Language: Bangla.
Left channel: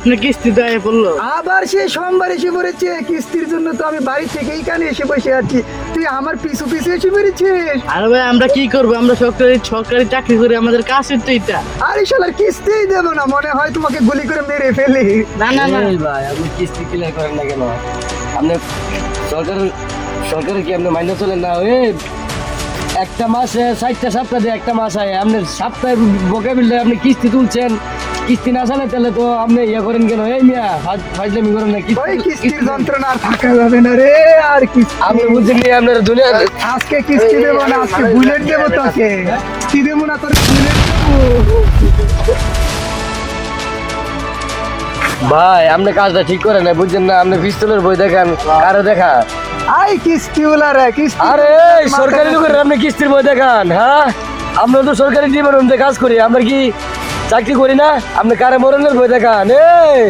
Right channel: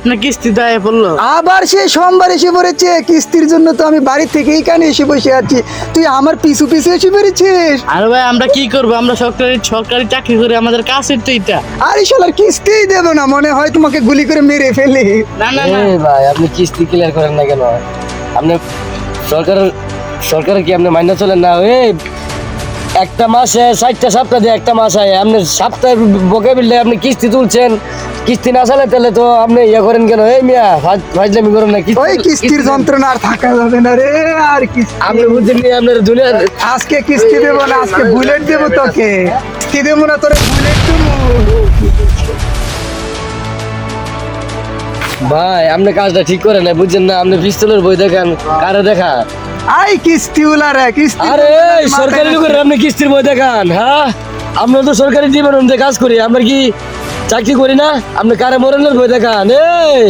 আপনার কিস্তি দেয় বললো। আবার সেই সোমবার এসে পড়েছে কিস্তির জন্য, তো আমি বাড়ি থেকে এইখানে এসে বসে আছি, তুই আমার পিছু পিছু এসে পড়েছিস। আর ভাই আমরা কি করবো, আমরা সরকারি চাকরি করে, আমাদের কাছের তো এটা। আরে শালার কিস্তিই দেবো না, মনে হয় তোমাকে গুলি করে মেরে ফেলি। না না না এই ভাই আপনি কিস্তি ক্লিয়ার করেন না কেন? আপনি সরকারের কি আপনি মাইনে চলেন না? একটা মাসে 60টা সপ্তাহ দিয়ে একটা মাস হয়, আপনি সপ্তাহে বকে বিললে আপনি কিস্তি তুলছেন, কিস্তি না চালে তাহলে তো আপনি ইয়ে করেন কেন? এই মিয়া ফাজলামি করেন না। ওই কিস্তির যন্ত্রণা আর থাকা যাবে না রে, আর কিস্তি আপনি বুঝছেন নি আপনার দুনিয়ার আজকে কিস্তি দেবো না, আজকে বুলেট দেবো তোকে। কিস্তি দেবো না, তোর বুলেট দেবো। ভাই আপনি কাজটা ঠিক করেন না, বুঝছেন না? আপনি পিস্তলের বই দেখান, কারে দেখা? আই কিস্তি ওলা রে, কিস্তি আরে এই সরকারি লোকের আপনি কিস্তির বই দেখান? হ্যাঁ, আমরা তো সরকারি ডিপার্টমেন্টে কাজ করি, আমরা কি চাকরি করি না? আপনি কারে মরণের বই দেখান? এই